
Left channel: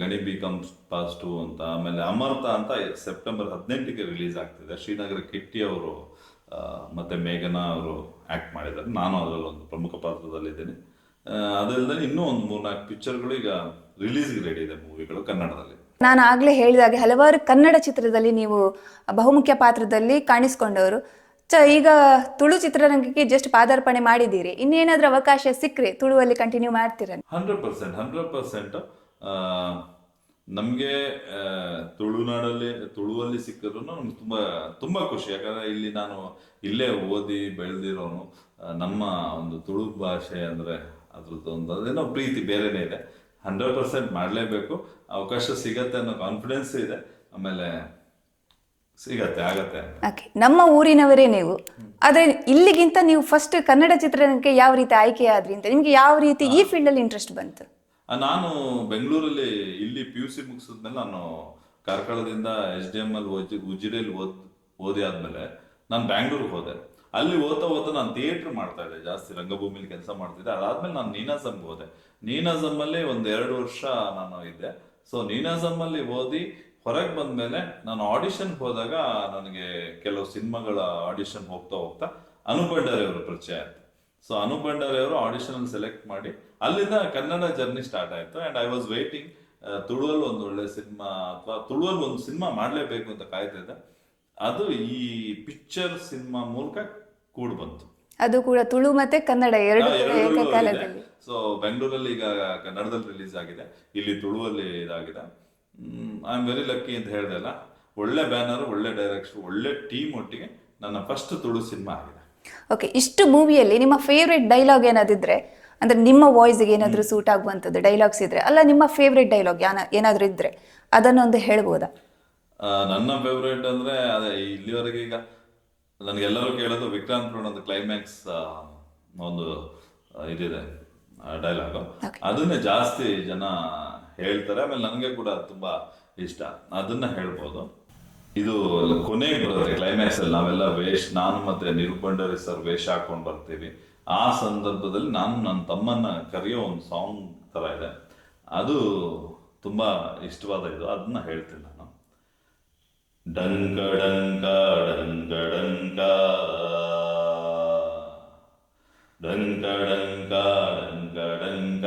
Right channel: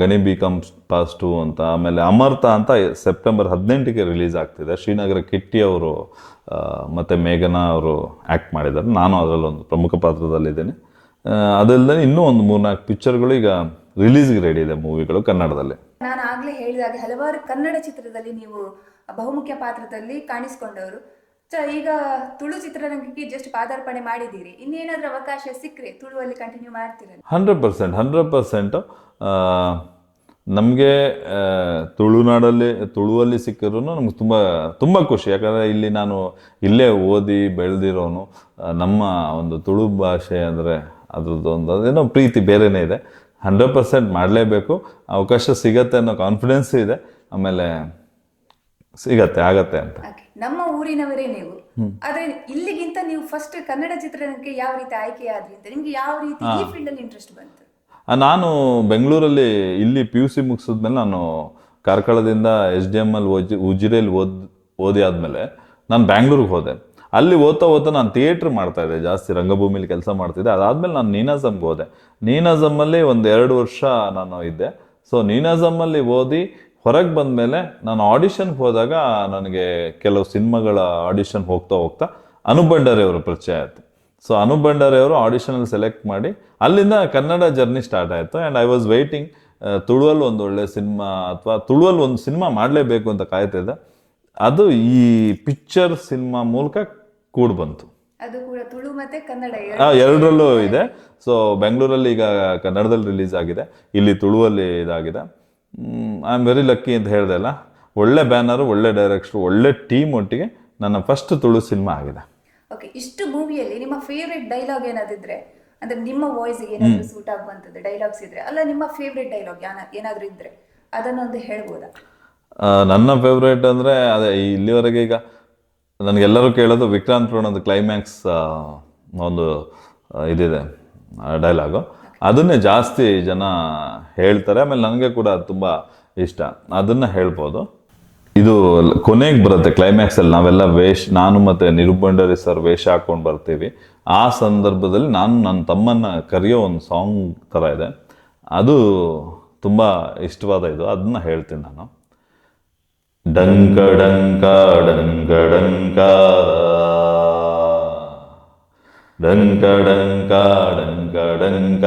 ಗಣಿ B.Com ಪಾಸ್ 2 ಅಂತ, ಆಮೇಲೆ ಅಮರ್ತ ಅಂತ ಸೆಪ್ಟೆಂಬರ್ 18ಗೆ ರಿಲೀಸ್ ಆಗ್ತಿದೆ. ಶ್ರೀನಗರ ಕಿಟ್ಟಿ ಅವರು ಮತ್ತು ಮೇಘನಾ ಅವರು ಆ್ಯಕ್ಟ್ ಮಾಡಿದ್ದಾರೆ. ನಾನು ಅದರಲ್ಲಿ ಒಂದು ಪ್ರಮುಖ ಪಾತ್ರದಲ್ಲಿದ್ದೇನೆ. ಅದಲ್ಲದೆ ಇನ್ನೂ ಒಂದು 3-4 ಪಿಕ್ಚರ್ಗಳು ಈಗ ರಿಲೀಸ್ಗೆ ರೆಡಿ ಇದೆ, ಮೂವಿಗಳು ಕನ್ನಡದಲ್ಲಿ. ನಾನು ಆಗಲೇ ಹೇಳಿದಾಗೆ ಹಲವಾರು ಕನ್ನಡ ಚಿತ್ರದಲ್ಲಿ ನೀವು ಬಹುಮುಖ್ಯ ಪಾತ್ರದಲ್ಲಿ ಕಾಣಿಸ್ಕೊಂಡವರು. ಈಗ ತುಳು ಚಿತ್ರರಂಗಕ್ಕೆ ಜಸ್ಟ್ ಪಾದಾರ್ಪಣೆ ಮಾಡಿದ್ದೀರಿ. ಇನ್ನೇನಾದ್ರೂ ಅವಕಾಶ ಸಿಕ್ಕರೆ ತುಳುವಲ್ಲಿ ಕಂಟಿನ್ಯೂ ಮಾಡ್ತೀರ? 100%. ನಮಗೆ ತುಳುವಲ್ಲಿ ಸಿಕ್ಕಿದ್ರು ನಮ್ಗೆ ತುಂಬ ತುಂಬ ಖುಷಿ. ಯಾಕಂದರೆ ಇಲ್ಲಿ ನಾನು ಇಲ್ಲೇ ಓದಿ ಬೆಳೆದಿರೋನು. ನಮ್ಮ ಒಂದು ತುಳು ಭಾಷೆ ಅಂದರೆ ಅದ್ರದ್ದು ಒಂದು ಅದೇನೋ ಪ್ರೀತಿ ಬೇರೆನೇ ಇದೆ. 100% ಮಾಡಲೇಬೇಕು. ಅವಕಾಶ ಸಿಗತ್ತೆ ಅನ್ನೋ ಕಾನ್ಫಿಡೆನ್ಸ್ ಇದೆ. ಆಮೇಲೆ ಆಗತ್ತೆ ಅಂತ. ನಮ್ಮ ಊರಿನವರೇ ನೀವು, ಆದ್ರೆ ಇಲ್ಲಿಗಿಂತ ನೀವು ಫಸ್ಟ್ ಕನ್ನಡ ಚಿತ್ರರಂಗಕ್ಕೆ ಯಾವ ರೀತಿ ಆಯ್ಕೆ ಆದ್ರಿ ಅಂತ, ನಿಮ್ಗೆ ಯಾವ ರೀತಿ ಈ ಫೀಲ್ಡ್ ಅಲ್ಲಿ ಇಂಟ್ರೆಸ್ಟ್ ಬಂತು? ನಾನು ಬೆಂಗಳೂರಲ್ಲಿ ಇಲ್ಲಿ PUC ಮುಗಿಸಿದ್ಮೇಲೆ ನಾನು ಕಾರ್ಕಳದಿಂದ SDML ಉಜಿರೆಯಲ್ಲಿ ಓದಿ ಆದಮೇಲೆ ನಾನು ಬ್ಯಾಂಗ್ಳೂರಿಗೆ ಹೋದೆ. ಅಲ್ಲಿ ಓದ್ತಾ ನಾನು ಥಿಯೇಟ್ರ್ ಮಾಡ್ತಾ ಇದ್ದೆ, ಜಾಸ್ತಿ ರಂಗಭೂಮಿಲಿ ಕೆಲಸ ಮಾಡ್ತಿದ್ದೆ. ಅದಾದಮೇಲೆ ನಾನು ನೀನಾಸಮ್ಗೆ ಹೋದೆ. ನೀನಾಸಮ್ಮಲ್ಲಿ 1-2 ವರ್ಷ ನಾನು ಇದ್ದೆ. ಸೊ ನೀನಾಸಮ್ಮಲ್ಲಿ ಓದಿ ಹೊರಗೆ ಬಂದಮೇಲೆ ನಾನು ಆಡಿಷನ್ಗೆ ಹೋದಾಗ ನನಗೆ ಕೆಲವು ಸಿನಿಮಾಗಳ ಆಡಿಷನ್ ಹೋಗ್ತಾ ಅನೂಪ್ ಭಂಡಾರಿ ಅವರು ಪರಿಚಯ ಆಯಿತು. ಸೊ ಅನೂಪ್ ಭಂಡಾರಿ ಅವರು ಆಡಿಷನಲ್ಲಿ ಸೆಲೆಕ್ಟ್ ಮಾಡಿ ಅಲ್ಲಿಂದ ಕನ್ನಡ ಜರ್ನಿ ಸ್ಟಾರ್ಟ್ ಆಯಿತು. ಆ್ಯಂಡ್ ಐ ವಾಸ್ ವೈಟಿಂಗ್ ತುಳುವಲ್ಲಿ ಒಂದು ಒಳ್ಳೆ ಸಿನಿಮಾ ಅಥವಾ ತುಳುವಲ್ಲಿ ಒಂದು ಸಿನಿಮಾ ಮಾಡಲೇಬೇಕು ಅಂತ ಕಾಯ್ತಿದ್ದೆ. ಅದು ಈ ಪಿಕ್ಚರ್ ಸಿನಿಮಾ ಮೂಲಕ ಕೂಡ್ ಬಂತು. ಅದು ಕೂಡ ತುಳು ಮತ್ತೆ ಕನ್ನಡ ಎರಡರಲ್ಲೂ ಇದೆ. ಸೊ ಬೆಂಗಳೂರಲ್ಲಿ ಈಗ ಕನ್ನಡದಲ್ಲಿ ರಿಲೀಸ್ ಆಗಿದೆ, ಇಲ್ಲಿ ತುಳುವಲ್ಲಿ ಇದಾಗಿದೆ. ಐ ಆಮ್ ವೆರಿ ಲಕ್ಕಿ ಅಂತ ಹೇಳ್ದೆ ಅಲ್ಲ. ಒಳ್ಳೆ ಬ್ಯಾನರು, ಒಳ್ಳೆ ಡೈರೆಕ್ಟ್ರು, ಒಳ್ಳೆ ಟೀಮ್ ಒಟ್ಟಿಗೆ ನನ್ನ ಫಸ್ಟ್ ತುಳು ಸಿನಿಮಾ ಆಗಿದೆ. ಓಕೆ, ಇಷ್ಟು ಮೂವಿಯಲ್ಲಿ ನಿಮ್ಮ ಫೇವ್ರೆಟ್ ಡೈಲಾಗ್ ಏನಾದಿದ್ರೆ, ಅಂದ್ರೆ ನಿಮ್ಮ ವಾಯ್ಸ್ಗೆ ಏನಾದರೂ ಸೂಟ್ ಆಗುವಂಥದ್ದು ಡೈಲಾಗ್ಸ್ ಇದ್ರೆ, ಅಲ್ಲ ನಿಮ್ಮ ಫೇವ್ರೆಟ್ ಡೈಲಾಗ್ ಏನಾದರೂ ಇದ್ರೆ ಅದನ್ನೊಂದು ಹೇಳ್ಬೋದಾ? ನನ್ನ ಫೇವ್ರೇಟ್ ಅಂದರೆ ಅದೇ ಇಲ್ಲಿವರೆಗೆ ಈಗ ನನಗೆಲ್ಲರೂ ಕೇಳೋದು ವಿಕ್ರಾಂತ್ ರೋಣದ ಕ್ಲೈಮ್ಯಾಕ್ಸ್ ಒಂದು ಇದಿದೆ ಡೈಲಾಗು. ಅದನ್ನೇ ಜಾಸ್ತಿ ಜನ ಹೇಳ್ತಾರೆ. ಆಮೇಲೆ ನನಗೆ ಕೂಡ ತುಂಬ ಇಷ್ಟ, ಅದನ್ನು ಹೇಳ್ಬೋದು. ಇದು ಕೊನೆಗೆ ಬರುತ್ತೆ ಕ್ಲೈಮ್ಯಾಕ್ಸಲ್ಲಿ. ನಾವೆಲ್ಲ ನಾನು ಮತ್ತು ನಿರೂಪ್ ಭಂಡಾರಿ ಸರ್ ವೇಷ ಹಾಕ್ಕೊಂಡು ಬರ್ತೀವಿ. ಆ ಸಂದರ್ಭದಲ್ಲಿ ನಾನು ನನ್ನ ತಮ್ಮನ್ನು ಕರೆಯೋ ಒಂದು ಸಾಂಗ್ ಥರ ಇದೆ. ಅದು ತುಂಬ ಇಷ್ಟವಾದ ಇದು, ಅದನ್ನ ಹೇಳ್ತೀನಿ ನಾನು. ಡಂಕ ಡಂಕ ಡಂಕ ಡಂಕ ಡಂಕ ಡಂಕ ಡಂಕ ಡಂಕ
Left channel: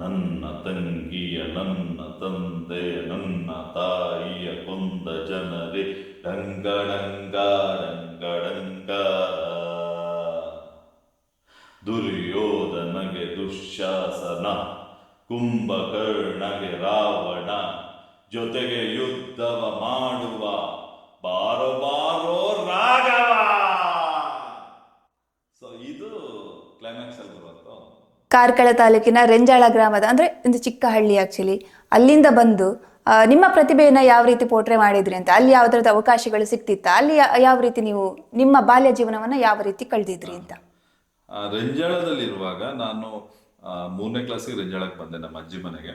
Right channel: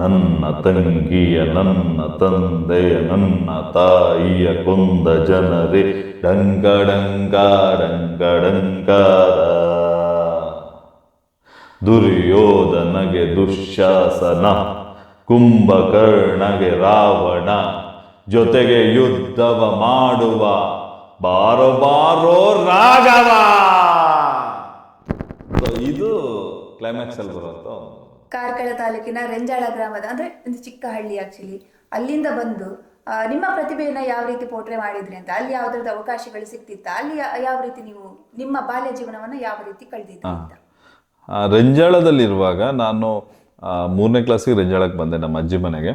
ನನ್ನ ತಂಗಿಯ ನನ್ನ ತಂದೆಯ ನನ್ನ ತಾಯಿಯ ಕೊಂದ ಜನರೇ ಡಂಕ ಡಂಕ ಡಂಕ ಡಂಕಾರ. ದುರ್ಯೋಧನಗೆ ದುಶ್ಯಾಸನ, ಕುಂಭಕರ್ಣಗೆ ರಾವಣ, ಜೊತೆಗೆ ಯುದ್ಧವ ಮಾಡುವ ಬಾರೋ ಬಾರೋ ರಾಘವ. ಇದು ಕ್ಲೈಮ್ಯಾಕ್ಸ್ ಅಲ್ಲಿ ಬರುತ್ತೋ. ಕಾರ್ಕಳ ತಾಲೂಕಿನ ರೆಂಜಾಳ ಗ್ರಾಮದ ಅಂದ್ರೆ ಒಂದು ಚಿಕ್ಕ ಹಳ್ಳಿ ಆಕ್ಚುಲಿ, ಅಲ್ಲಿಂದ ಬಂದು ನಿಮ್ಮ ಪ್ರತಿಭೆಯನ್ನ ಯಾವ ರೀತಿ ಪೋಟ್ರೆ ಮಾಡಿದ್ರಿ ಅಂತ, ಅಲ್ಲಿ ಯಾವ್ದಾದ್ರು ಅವಕಾಶಗಳು ಸಿಕ್ತಿತ್ತ, ಅಲ್ಲಿ ಯಾವ ರೀತಿ ನೀವು ನಿಮ್ಮ ಬಾಲ್ಯ ಜೀವನವನ್ನ ಯಾವ ರೀತಿ ಕಳೆದಿದ್ರಿ ಅಂತ? ರೆಂಜಾಳದಲ್ಲಿರುವಾಗ ನಾನು 3ನೇ ಕ್ಲಾಸಿಗೆ ರೆಂಜಾಳಕ್ಕೆ ಬಂದೆ ನಮ್ಮ ಅಜ್ಜಿ ಮನೆಗೆ.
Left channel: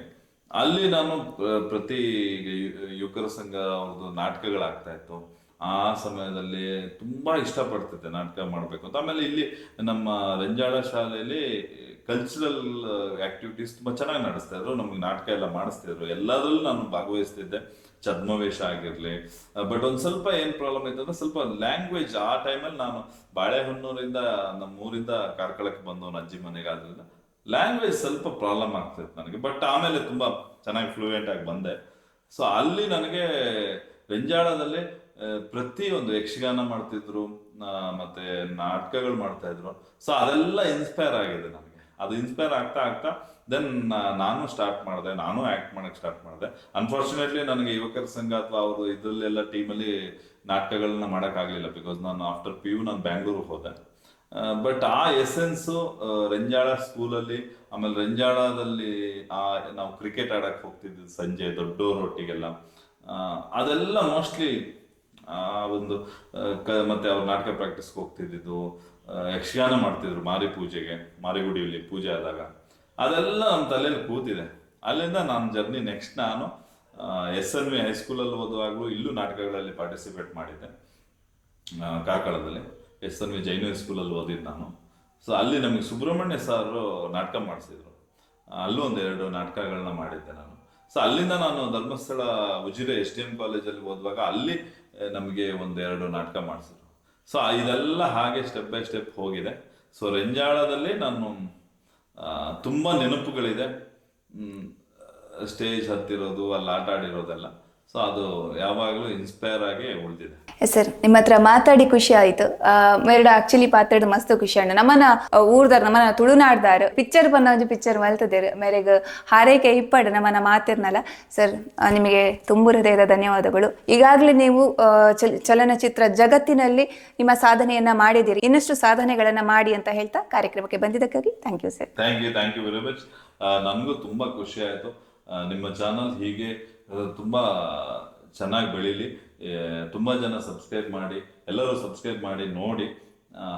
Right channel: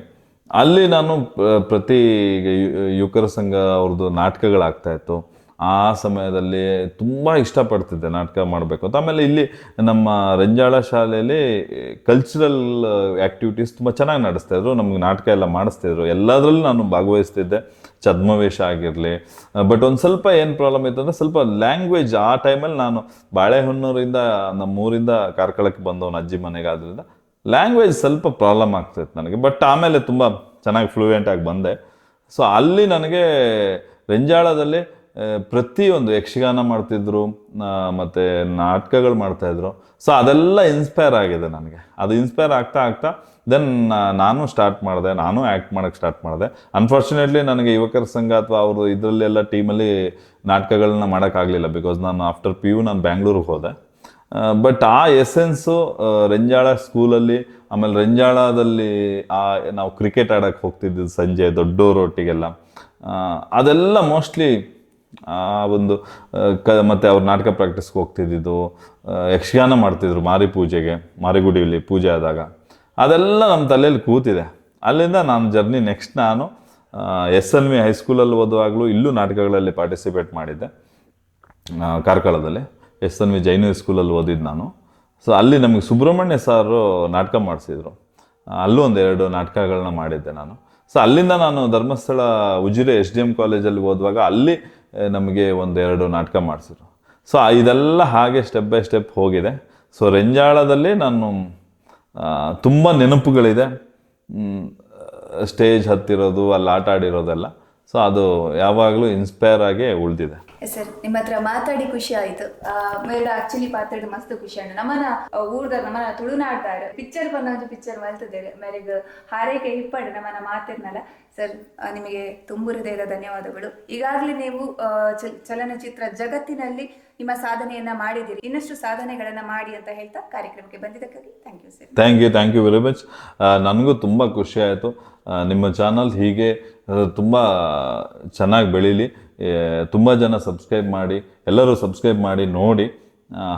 ಅಲ್ಲಿ ನಾನು ಪ್ರತಿ ಯುವಕರ ಸಂಘ ಅವ್ರದ್ದು ನಾಟಕಗಳಾಗ್ತಾ ಇತ್ತು. ಆ ಸಮಯದಲ್ಲಿ ತುಂಬ ಇಷ್ಟಪಡ್ತಿದ್ದೆ ನಾಟಕ ಮಾಡಬೇಕು ಅಂತ. ಆಮೇಲೆ ಇಲ್ಲಿ ನಮ್ಮ ರೆಂಜಾಳ ಶಾಲೆಯಲ್ಲಿ ಕಲ್ಚರಲ್ ಆ್ಯಕ್ಟಿವಿಟೀಸ್ ತುಂಬ ಚೆನ್ನಾಗಿ ನಡೆಸ್ತಾಯಿದ್ರು, ನಮಗೆ ನಾಟಕ ಎಲ್ಲ ಮಾಡಿಸ್ತಿದ್ರು, ಎಲ್ಲದರಲ್ಲೂ ನಾನು ಭಾಗವಹಿಸ್ತಿದ್ದೆ. ಛದ್ಮವೇಷ ಆಗಿರಲಿ. ಬಟ್ ಒಂದು ಸ್ವಲ್ಪ ಏನು ಪ್ರಾಬ್ಲಮ್ ಇತ್ತು ಅಂದರೆ ಸ್ವಲ್ಪ ಲ್ಯಾಂಗ್ವೇಜ್. ಆ ಟೈಮಲ್ಲಿ ನಾನು ಬಾಳೆಹೊನ್ನೂರಿಂದ ನಮ್ಮೂರಿಂದ ಕಾರ್ಕಳಕ್ಕೆ ಬಂದವನು ಅಜ್ಜಿ ಮನೆಗೆ, ಆದ್ದರಿಂದ ಲ್ಯಾಂಗ್ವೇಜ್ ಸ್ವಲ್ಪ ಪ್ರಾಬ್ಲಮ್ ಆಗ್ತಾಯಿತ್ತು ನನಗೆ. ಬಟ್ ಆಮೇಲೆ ತುಂಬ ಚೆನ್ನಾಗಿ ಫ್ಲೂಯೆಂಟಾಗಿ ಬಂದೆ. ಸೊ ಅಲ್ಲಿ ನನಗೆ ರೆಂಜಾಳದಲ್ಲಿ ಪ್ರತಿಯೊಂದು ಯಕ್ಷಗಾನ ಮಾಡ್ತಿದ್ರು, ಮತ್ತು ನಾಟಕಗಳು ಮಾಡ್ತಾಯಿದ್ರು. ಸೊ ಅದೆಲ್ಲ ಇನ್ಸ್ಪೈರ್ ಆಗಿದೆ ನನಗೆ. ಅದು ಇನ್ಸ್ಪೈರ್ ಆಗ್ತಾ ಆಗ್ತಾ ದೆನ್ ನಾನು ಸ್ಟಾರ್ಟ್ ಮಾಡಿದೆ, ನಾನು ಆ್ಯಕ್ಟ್ ಮಾಡೋಕ್ಕೆ ಸ್ಟಾರ್ಟ್ ಮಾಡಿದೆ. ಅನ್ಫಾರ್ಚುನೇಟ್ಲಿ ನನಗೆ ಯುವಕರ ಸಂಘ ಅಥವಾ ಅವರು ಇದರಲ್ಲೆಲ್ಲ ಟೀಮಲ್ಲಿ ನಾಟಕಗಳನ್ನ ಮಾಡೋಕ್ಕಾಗಲಿಲ್ಲ, ಬಿಕಾಸ್ ನಾನು ಆಫ್ಟರ್ PU ನಾನು ಬ್ಯಾಂಗ್ಳೂರಿಗೆ ಹೋದೆ. ಬಟ್ ಆ ಎಸೆನ್ಸು ರೆಂಜಾಳ ಸ್ಕೂಲಲ್ಲಿ, ಆಮೇಲೆ ರೆಂಜಾಳದಲ್ಲಿ ನಾವು ಕ್ರಿಕೆಟ್ ಆಡೋಕ್ಕೆ ಹೋಗ್ತಿದ್ದಿದ್ದು ಸಂಜೆ ದೊಡ್ಡೋರೊಟ್ಟಿಗೆಲ್ಲ, ಅದೆಲ್ಲ ಮೋಸ್ಟ್ಲಿ ಆ ಒಂದು ಮತ್ತು ಅವ್ರು ನಾಟಕ ಪ್ರಾಕ್ಟೀಸ್ಗೆ ಹೋಗ್ತಿದ್ದಿದ್ದು, ಯಕ್ಷಗಾನ ಮಾಡ್ತಿದ್ರು ಮಾರಿ ಪೂಜೆಗೆ, ಮಾರಿಗುಡಿಯಲ್ಲಿ ಪೂಜೆ ಆದಾಗ, ಅದೆಲ್ಲ ನಮ್ಮ ತಲೆಯಲ್ಲಿ ಕೂತಿದೆ. ಅಲ್ಲಿಂದ ನಾನು ಜರ್ನಿ ನೆಕ್ಸ್ಟ್ ನಾನು SNV ಹೈಸ್ಕೂಲಲ್ಲಿ ಓದುವಾಗಲೂ ಇಲ್ಲೂ ನಾಟಕಗಳಲ್ಲಿ ಪಾರ್ಟಿಸಿಪೇಟ್ ಮಾಡಿದ್ದೆ. ಕಾರ್ಕಳದಲ್ಲಿ SNV ಜೈನ ಸ್ಕೂಲಲ್ಲಿ ಓದಿದ್ದು ನಾನು. ಸೊ ಅಲ್ಲಿ ನಮಗೆ ಸುಬ್ರಹ್ಮಣ್ಯ ಸಾರು ನಾಟಕ ಮಾಡಿಸಿದ್ರು, ಅಲ್ಲೂ ಒಂದೆರಡು ನಾಟಕಗಳನ್ನ ಮಾಡಿದ್ದೆ ನಾನು. ಸೊ ಅಲ್ಲಿಂದ ನಾನು ಧರ್ಮಸ್ಥಳ ಉಜಿರೆ SDM ಕಾಲೇಜಲ್ಲಿ ಓದುವಾಗ ಅಲ್ಲಿ ನಮಗೆ ಒಂದೆರಡು ನಾಟಕ ಮಾಡಿಸಿದ್ರು. ಸೊ ಇದೆಲ್ಲ ಹಾಗೆ ಸ್ಟೆಪ್ ಬೈ ಸ್ಟೆಪ್ ಹೋಗಿದೆ. ಸೊ ರೆಂಜಾಳದಲ್ಲಿ ನಾನು ತುಂಬ ನೆನಪುಗಳಿದೆ, ಸ್ಟೇಜ್ ಹತ್ತಿರೋದು, ಅಲ್ಲಿ ಆಟ ಆಡಿರೋದೆಲ್ಲ. ಸೊ ಅದು ಯಾವಾಗಲೂ ಇನ್ಸ್ಪೈರ್ ಆಗಿ ಉಳಿದಿದೆ. ಸರ್, ನಿಮ್ಮ ಹತ್ರ ಮಾತಾಡಿ ಖುಷಿ ಆಯ್ತು. ಮೇರಡ ಆಕ್ಚುಲಿ ಪಾತ್ರದ ಮಸ್ತ್ ಖುಷಿ ಅಣ್ಣ. ನಮ್ಮನ ಊರ್ದಾರ ನಮ್ಮನ ತುಳುನಾಡ್ದಾರ ಪಿಕ್ಚರ್ ಬಂದ ಒಂದು ಪಿಕ್ಚರ್ ಮಲ್ತದೇರು ಮೇರೆಗೆ ಹಾರೈಕೆ ಇಪ್ಪಡು ನಮ್ಮನ ಮಾತಿರ್ನಲ್ಲ. ಸರ್, ನಿಮಗೆ ತುಂಬು ಹೃದಯದ ಧನ್ಯವಾದಗಳು. ಈಗಾಗಲೇ ನೀವು ಚಲನಚಿತ್ರ ಜಗತ್ತಿನಲ್ಲಿ ನಿಮ್ಮ ಸಾಧನೆಯನ್ನ ಮಾಡಿದ್ದೀರಿ, ಇನ್ನಷ್ಟು ಸಾಧನೆಗಳನ್ನ ಮಾಡಿ ಅಂತ ಹೇಳ್ತಾ ಕಾರ್ಯಕ್ರಮಕ್ಕೆ ಬಂದಿದ್ದಕ್ಕಾಗಿ thank you sir. Thank you very much. ನನಗೂ ತುಂಬ ಖುಷಿ ಆಯಿತು. ನಿಮ್ಮ ಚಾನಲ್ ಹೀಗೆ ತುಂಬ ಚೆನ್ನಾಗಿ ಬೆಳೀಲಿ, ತುಂಬ ಜನ ಸಬ್ಸ್ಕ್ರೈಬ್ ಮಾಡಿ, ಎಲ್ಲರೂ ಸಬ್ಸ್ಕ್ರೈಬ್ ಮಾಡಿ ನೋಡಿ.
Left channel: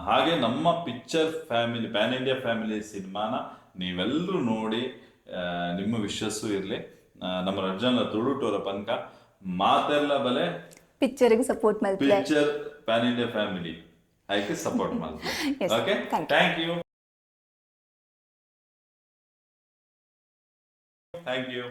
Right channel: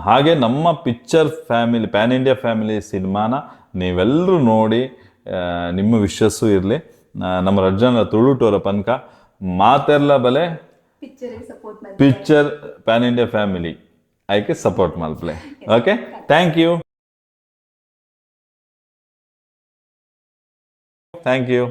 ಹಾಗೆ ನಮ್ಮ picture family, PAN India family ಸಿನಿಮಾನ ನೀವೆಲ್ಲರೂ ನೋಡಿ, ನಿಮ್ಮ ವಿಶ್ವಸ್ಸು ಇರಲಿ. ನಮ್ಮ ರಜ್ಜನ ತುಳುಟೋರ ಪನ್ಕ ಮಾತೆಲ್ಲ ಬಲೆ ಪಿಕ್ಚರ್ಗೆ ಸಪೋರ್ಟ್ ಮಾಡಿ, ಪಿಕ್ಚರ್ ಪ್ಯಾನ್ ಇಂಡಿಯಾ ಫ್ಯಾಮಿಲಿ ಐಕೆ ಸಪೋರ್ಟ್ ಮಾಡ್ಪ್ಲೆ. Okay, thank you.